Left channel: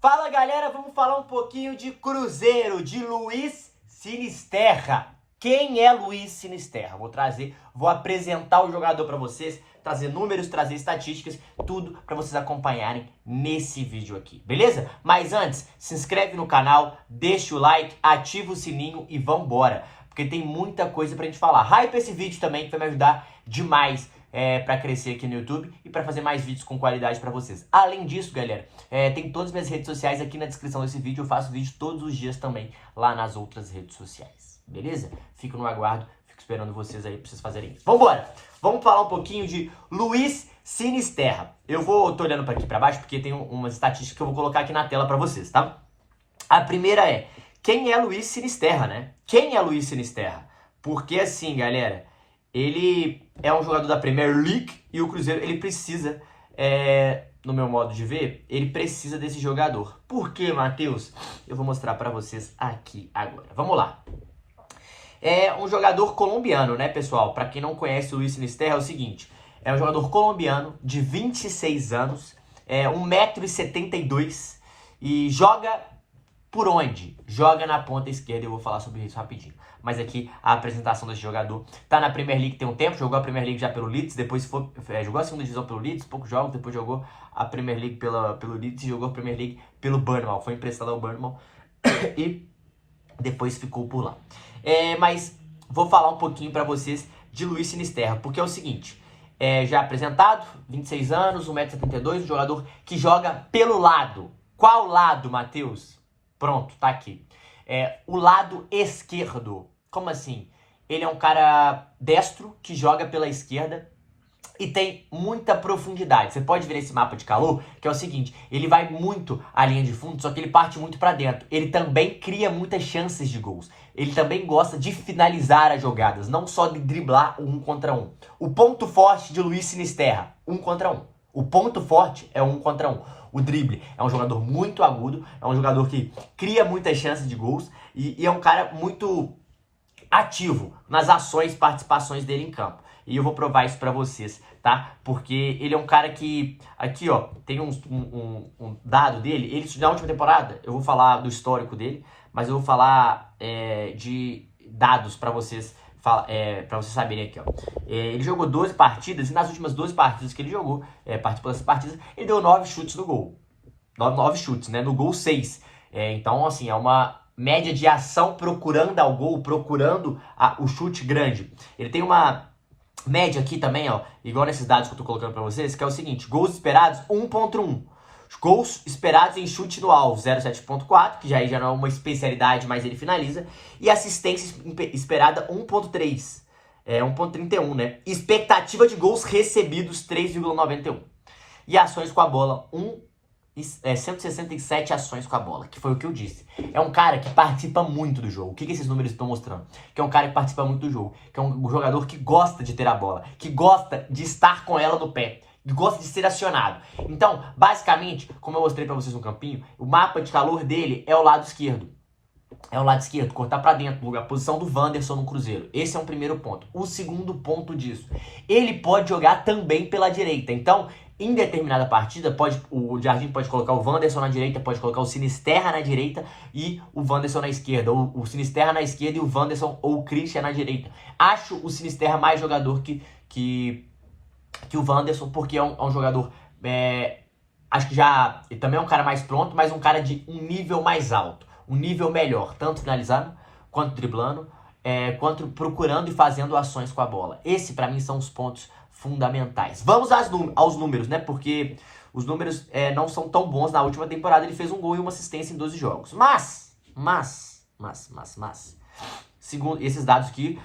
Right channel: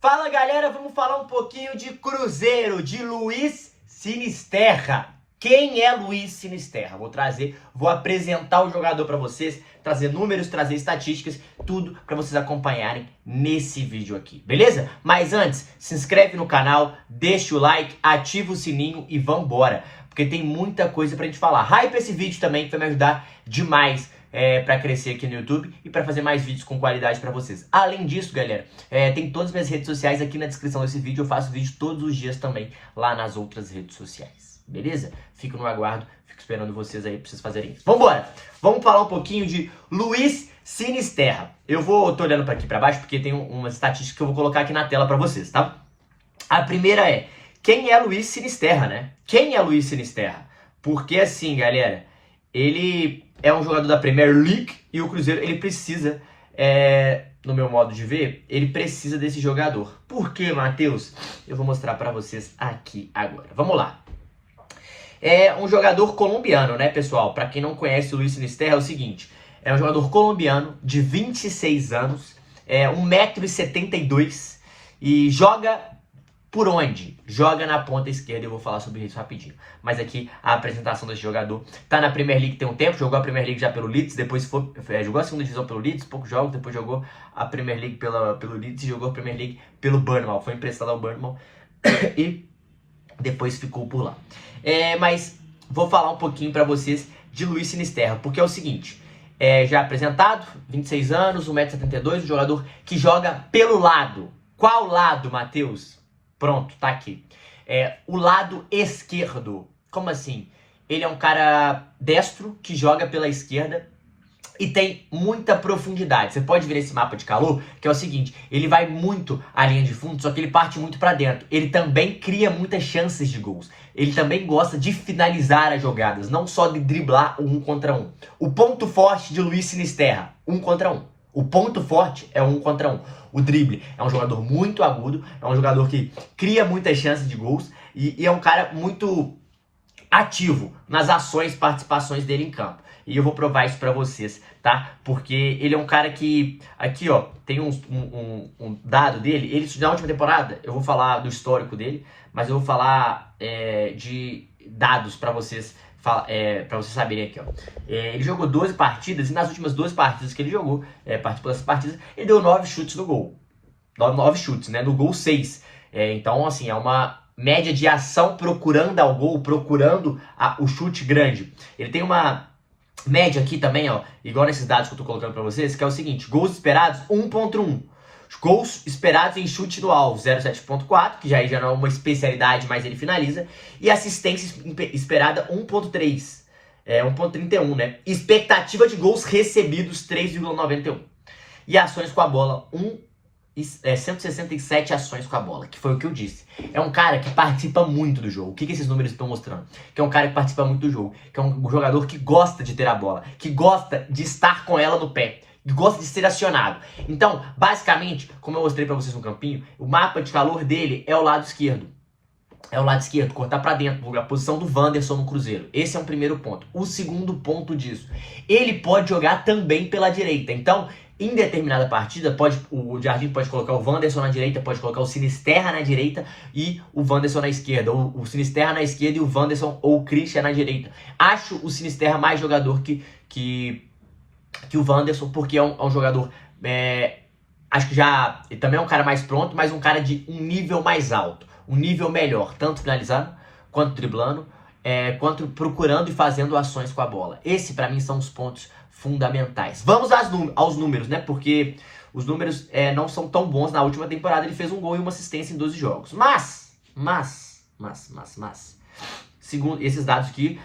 Fala galera, vamos falar um pouquinho de Cruzeiro, de Luiz Sinisterra. Quem é Luiz Sinisterra? Vou apresentar o jogador para vocês, trazer números, trazer estatísticas, tudo para vocês acompanharem nesse vídeo aqui, beleza? Mas antes, se inscreve no canal, deixa o like, ativa o sininho e vambora, porque tem muita coisa pra gente falar. Hype esse vídeo também, que vai me ajudar demais para crescer aqui no YouTube e para fazer mais vídeos com qualidade para vocês. Além disso, galera, tem todas as minhas redes sociais aqui na descrição desse vídeo. Eu faço vídeo todos os dias também lá nas outras redes sociais, beleza? Fico no aguardo, fico esperando vocês aí para vocês fazerem isso. Vambora! Vamos falar um pouquinho de Luiz Sinisterra. Tô olhando para aqui para baixo porque tem umas estatísticas que eu vou colocar aqui na tela para vocês, tá? A primeira é, quem é Luiz Sinisterra, né? Quem é Luiz Sinisterra? Porque assim, galera, ele é um jogador da Premier League e o Cruzeiro, ele precisa, no meu modo de ver, ele precisa desse jogador. Por quê, Matheus? Eu vou mostrar pra vocês aqui agora. Vamos lá. É um jogador colombiano, né, pessoal? Pra quem não conhece o Luiz Sinisterra, é o seguinte. É um jogador colombiano de 26 anos, 1,72 m e joga... Por onde? Joga na ponta esquerda, eu vou falar sobre isso rapidinho. Mas aqui a apresentação desse jogador. Tá na Premier League tem um tempo, jogou a Premier League já pelo Leeds, depois jogou a segunda divisão pelo Leeds, poucos jogos, depois jogou a Premier League pelo Leeds e jogou a Premier League pelo Bournemouth. Foi emprestado ao Bournemouth e depois ficou por lá. Mas vou falar um pouquinho pra vocês de Luiz Sinisterra, porque é o seguinte, já apresentado, 26 anos, 1,72 m, um jogador que joga pelo lado. Qual lado, Matheus? Pronto, tá aqui. O lado esquerdo. Como assim? Ele é um cara destro que joga pela esquerda e tem muita profundidade. Você pode ver esse mapa de calor, que é o seguinte, ele vai muito à linha de fundo, só que ele parte muito pra dentro. Ele também cria muitas chances de gols. Ele também gosta de finalizar as jogadas, não só de driblar o 1 contra 1. O ponto forte de Luiz Sinisterra, 1 contra 1. O ponto forte é o 1 contra 1. O drible é um jogador muito agudo, é um jogador que cria muitas chances de gols e é um cara muito ativo nas ações, participações dele em campo. E eu vou provar isso pra vocês, tá? Porque ele é um cara que, aqui ó, tem um dado dele, ele na última temporada, eu vou falar do histórico dele, mas eu vou falar de dados pra vocês. Pra vocês saberem aqui, ó. Ele jogou 12 partidas e nas últimas 12 partidas que ele jogou, participou dessas partidas, ele deu 9 chutes no gol. 9 chutes, né? No gol 6. Então, assim, é uma média de ação procurando ao gol, procurando o chute grande. Ele tem uma média aqui também, ó, igual nesses dados que eu tô colocando pra vocês, que é o seguinte, gols esperados 1,1. Gols esperados em chute no alvo, 0,7.4, que já não é uma especialidade, mas ele finaliza. E assistência esperada, 1,3. 1,31, né? Expectativa de gols recebidos, 3,91. E ações com a bola, 167 ações com a bola, que foi o que eu disse. É um cara que participa muito do jogo. O que esses números estão mostrando? Que é um cara que participa muito do jogo, que é um jogador que gosta de ter a bola, que gosta de estar com ela no pé, gosta de ser acionado. Então, basicamente, como eu mostrei pra vocês no campinho, o mapa de calor dele é o lado esquerdo. É o lado esquerdo, cortar pra dentro, a posição do Wanderson no Cruzeiro. Esse é um primeiro ponto. O segundo ponto disso, ele pode jogar também pela direita. Então, em determinada partida, o Jardim pode colocar o Wanderson na direita, pode colocar o Sinisterra na direita e o Wanderson na esquerda. Ou o Sinisterra na esquerda e o Wanderson ou o Christian na direita. Acho o Sinisterra mais jogador que o Wanderson, porque é um jogador, acho que já, ele também é um cara mais pronto, mas um cara de um nível mais alto, um nível melhor, tanto finalizando, quanto driblando, quanto procurando e fazendo ações com a bola. Esse, pra mim, são os pontos fundamentais. Vamos aos números, né, porque os números não são tão bons. Na última temporada ele fez um gol e uma assistência em 12 jogos, mas, segundo esses dados aqui,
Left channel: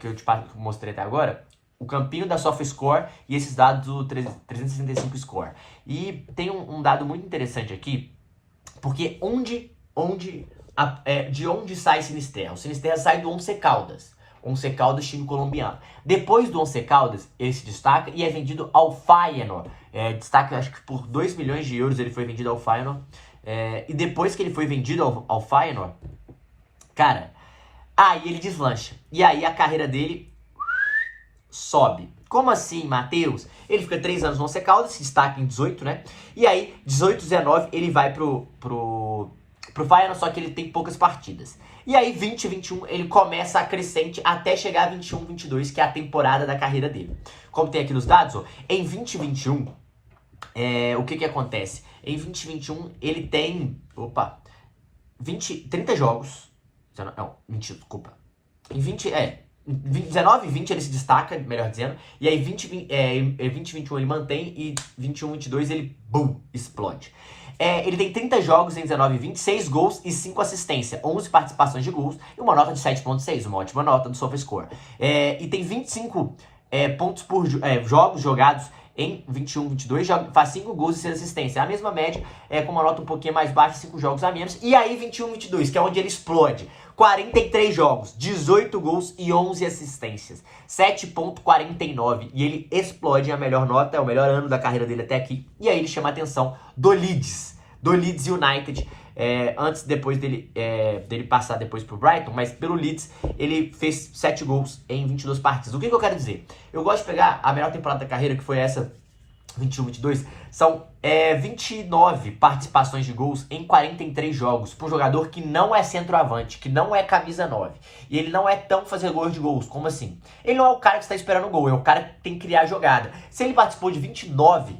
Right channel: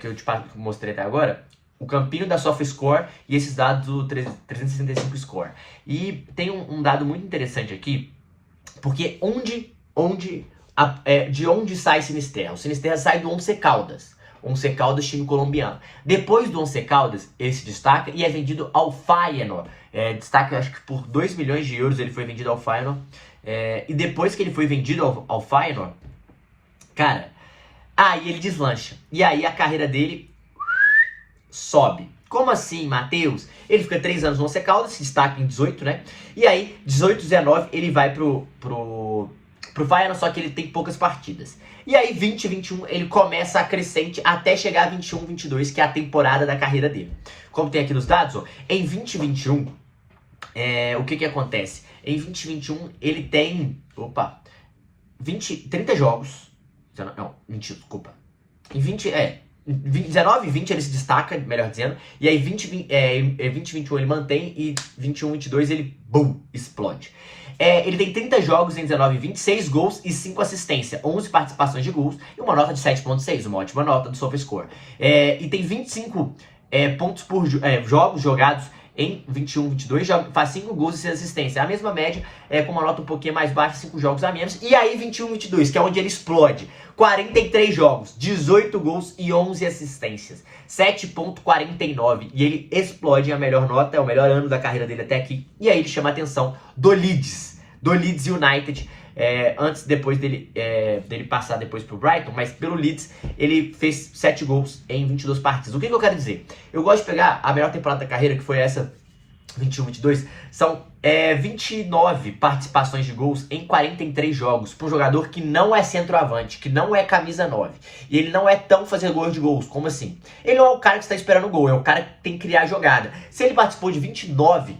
que eu te mostrei até agora, o campinho da SofaScore e esses dados do 365 Score. E tem um dado muito interessante aqui, porque de onde sai Sinisterra? O Sinisterra sai do Once Caldas. Once Caldas, time colombiano. Depois do Once Caldas, ele se destaca e é vendido ao Feyenoord. Destaca, acho que por 2 milhões de euros ele foi vendido ao Feyenoord. E depois que ele foi vendido ao Feyenoord, cara, aí ele deslancha. E aí a carreira dele sobe. Como assim, Matheus? Ele fica 3 anos no Once Caldas, se destaca em 18, né? E aí, 18, 19, ele vai pro Feyenoord, só que ele tem poucas partidas. E aí, 20, 21, ele começa a crescente até chegar a 21, 22, que é a temporada da carreira dele. Como tem aqui nos dados, ó, em 20, 21, o que acontece? Em 20, 21, ele tem, 30 jogos. Não, mentira, desculpa. Em 19 e 20 ele se destaca, melhor dizendo. E aí 20 e 21 ele mantém e 21 e 22 ele, boom, explode. Ele tem 30 jogos em 19 e 20, 6 gols e 5 assistências, 11 participações de gols e uma nota de 7.6, uma ótima nota do SofaScore. E tem 25 pontos por jogos jogados em 21, 22, faz 5 gols e 6 assistências. A mesma média, com uma nota um pouquinho mais baixa, 5 jogos a menos. E aí 21, 22, que é onde ele explode. 43 jogos, 18 gols e 11 assistências. 7.49. E ele explode a melhor nota, é o melhor ano da carreira dele até aqui. E aí ele chama a atenção do Leeds United. Depois dele passar depois pro Brighton, mas pelo Leeds ele fez 7 gols em 22 partidas. O que eu quero dizer? Eu gosto de pegar a melhor temporada da carreira, que foi essa 21, 22, são 29 participações de gols em 43 jogos, para um jogador que não é centroavante, que não é camisa 9, e ele não é tão fazer gols de gols, como assim? Ele não é o cara que está esperando gol, é o cara que tem que criar jogada. Se ele participou de 29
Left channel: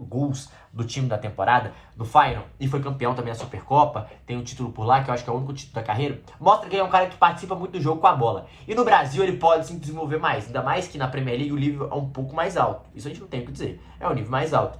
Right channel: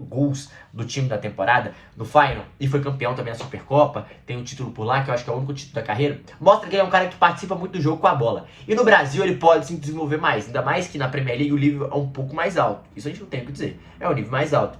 gols do time da temporada, do Feyenoord, e foi campeão também da Supercopa, tem um título por lá, que eu acho que é o único título da carreira, mostra que ele é um cara que participa muito do jogo com a bola. E no Brasil ele pode se desenvolver mais, ainda mais que na Premier League o nível é um pouco mais alto. Isso a gente não tem o que dizer, é o nível mais alto.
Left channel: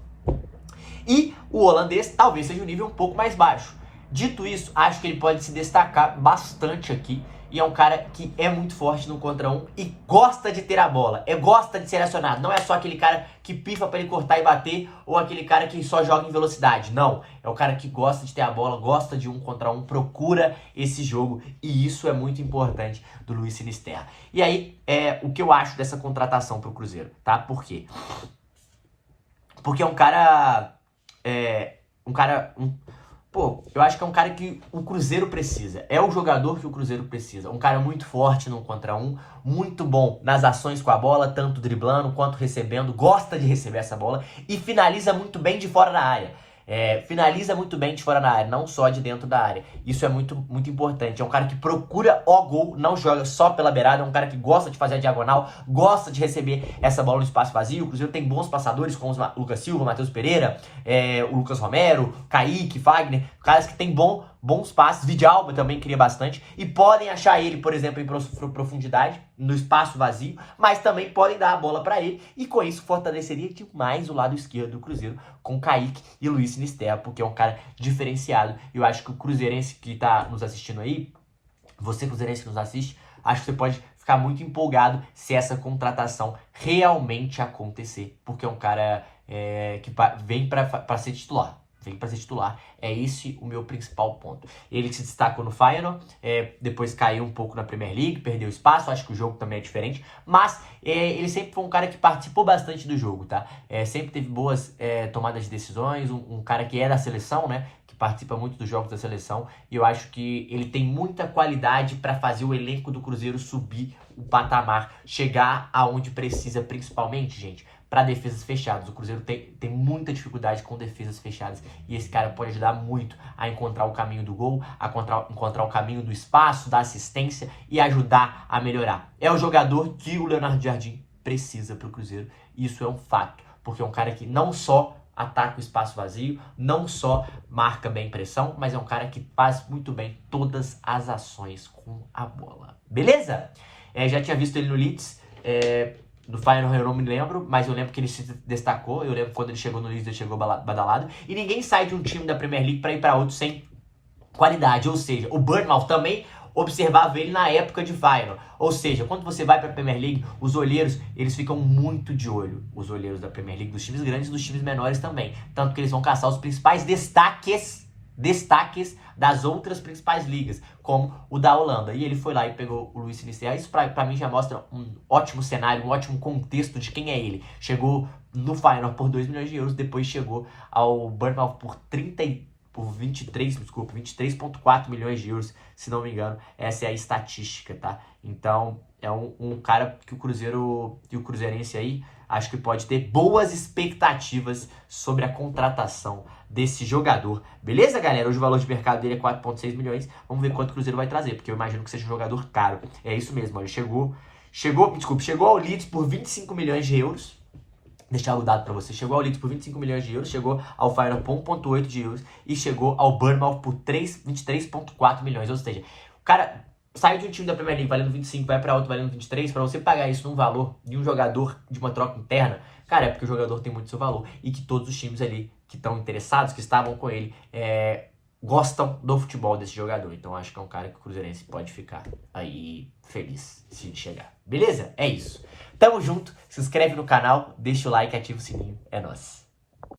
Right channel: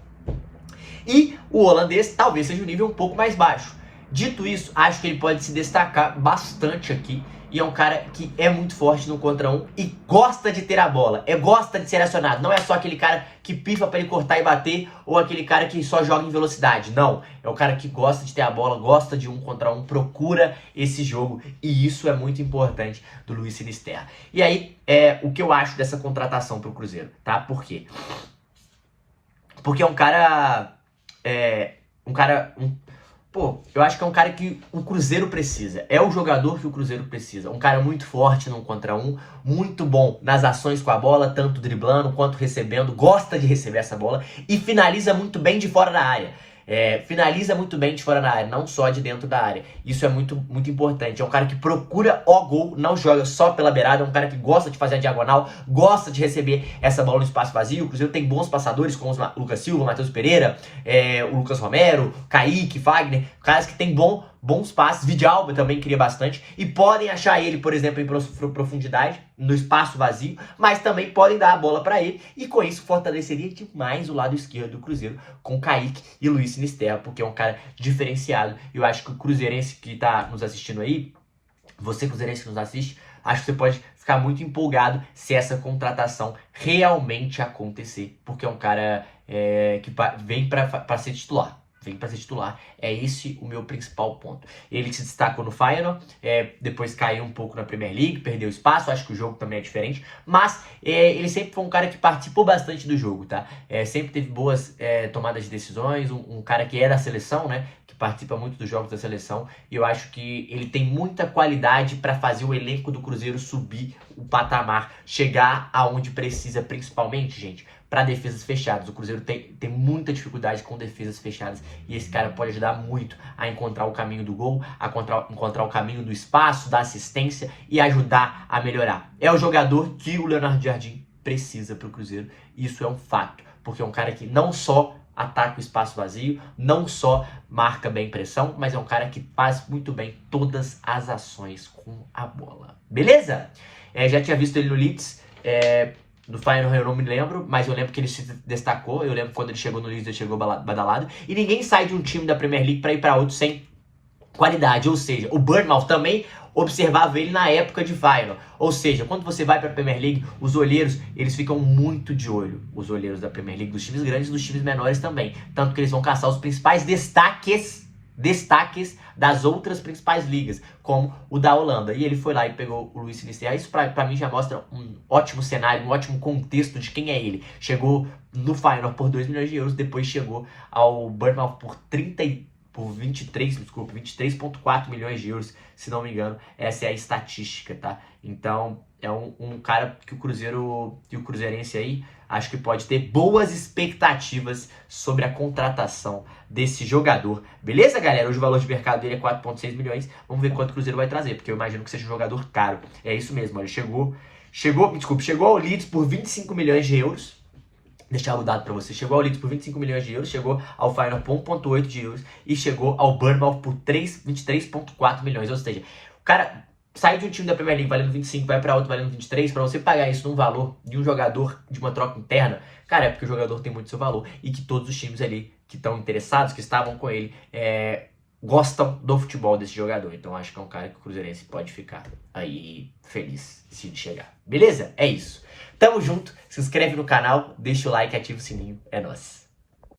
E o holandês talvez seja um nível um pouco mais baixo. Dito isso, acho que ele pode se destacar bastante aqui. E é um cara que é muito forte no contra um e gosta de ter a bola, gosta de ser acionado. Não é só aquele cara que pifa para ele cortar e bater ou aquele cara que só joga em velocidade. Não, é o cara que gosta de ter a bola, gosta de um contra um, procura esse jogo. E isso é muito importante do Luiz Sinisterra. E aí, o que eu acho dessa contratação pro Cruzeiro, tá? Por quê? Porque é um cara... eu acho que é um cara que o Cruzeiro precisa. É o jogador que o Cruzeiro precisa. Um cara muito forte no contra um, muito bom nas ações com a bola, tanto driblando quanto recebendo. Gosta de receber essa bola e finaliza muito bem de fora da área. Finaliza muito bem de fora da área, não só de dentro da área. Isso é muito, muito importante. É um cara que procura o gol, não joga só pela beirada. É um cara que gosta de fazer a diagonal, gosta de receber essa bola no espaço vazio. O Cruzeiro tem bons passadores, como o Lucas Silva, Matheus Pereira, o Lucas Romero, Kaique, Fagner. Caras que tem bons passes. Vidalba também cria bastante. E podem achar ele, por exemplo, em profundidade, no espaço vazio. Mas também podem dar a bola para ele. E com isso fortaleceria demais o lado esquerdo do Cruzeiro, com Kaique e Luiz Sinisterra, porque é um cara diferenciado. Eu acho que o cruzeirense que tá nos assistindo aí, você cruzeirense que nos assiste, acho que você pode ficar muito empolgado se essa contratação realmente acontecer, porque é um cara que vem para ser titular. Vem para ser titular. É esse o meu principal ponto. Ele se destacou no Feyenoord, depois caiu um pouco na Premier League, perdeu espaço, acho que o jogo também é diferente, mas ele sempre foi um cara que participou bastante do jogo, tá? Sempre teve boas tomadas de decisões, um cara que é da seleção, né? Que participa muito dos jogos da seleção, e eu acho que ele tem muita qualidade para fazer o elenco do Cruzeiro subir o patamar, chegar aonde precisa, principalmente, gente, para defesas fechadas. O Cruzeiro tem muita dificuldade com defesas fechadas e esse cara pode ajudar muito a encontrar o caminho do gol, a encontrar o caminho do espaço, da assistência e ajudar a melhorar. É o jogador que o Leonardo Jardim precisa para o Cruzeiro. Isso é um fato, porque é um cara que não só ataca o espaço vazio, não só marca bem pressão, mas é um cara que faz muito bem todas as ações com a bola. Beleza? Já tinha visto ele no Leeds, do Feyenoord eu não me lembro, mas eu lembro que ele se destacou. Eu lembro quando ele chegou no Leeds, ele chegou badalado. E ninguém sai de um time da Premier League para ir para outro sem qualidade. Ou seja, o Bournemouth também observava ele na época de Feyenoord. Ou seja, quando você vai para a Premier League, os olheiros, eles ficam muito de olho. Os olheiros da Premier League, dos times grandes e dos times menores também. Tanto que eles vão caçar os principais destaques das outras principais ligas, como o da Holanda. E ele foi lá e pegou o Luiz Sinisterra. Isso pra mim já mostra um ótimo cenário, um ótimo contexto de quem é ele. Chegou no Feyenoord por 2 milhões de euros, depois chegou ao Bournemouth por 23,4 milhões de euros, se não me engano. Essa é a estatística, tá? Então, é um cara que o Cruzeiro e o Cruzeirense aí acho que pode ter boas expectativas sobre a contratação desse jogador. Beleza, galera? Hoje o valor de mercado dele é 4,6 milhões. Vamos ver quanto o Cruzeiro vai trazer, porque eu imagino que seja um jogador caro. É isso mesmo, olha, chegou ao Leeds por 25 milhões de euros. Deixar o dado para você. Chegou ao Leeds por 25 milhões de euros, chegou ao Feyenoord por 1,8 de euros e chegou ao Bournemouth por 23,4 milhões. Ou seja, o cara sai de um time da Premier League valendo 25, vai para outro valendo 23, para você pagar isso num valor de um jogador de uma troca interna, cara, é porque o jogador tem muito seu valor e que todos os times ali que estão interessados, que estavam com ele, gostam do futebol desse jogador. Então acho que é um cara que o Cruzeirense pode ficar aí feliz se chegar. Beleza? É isso. Tamo junto, se inscreve no canal, deixa o like, ativa o sininho, é nóis.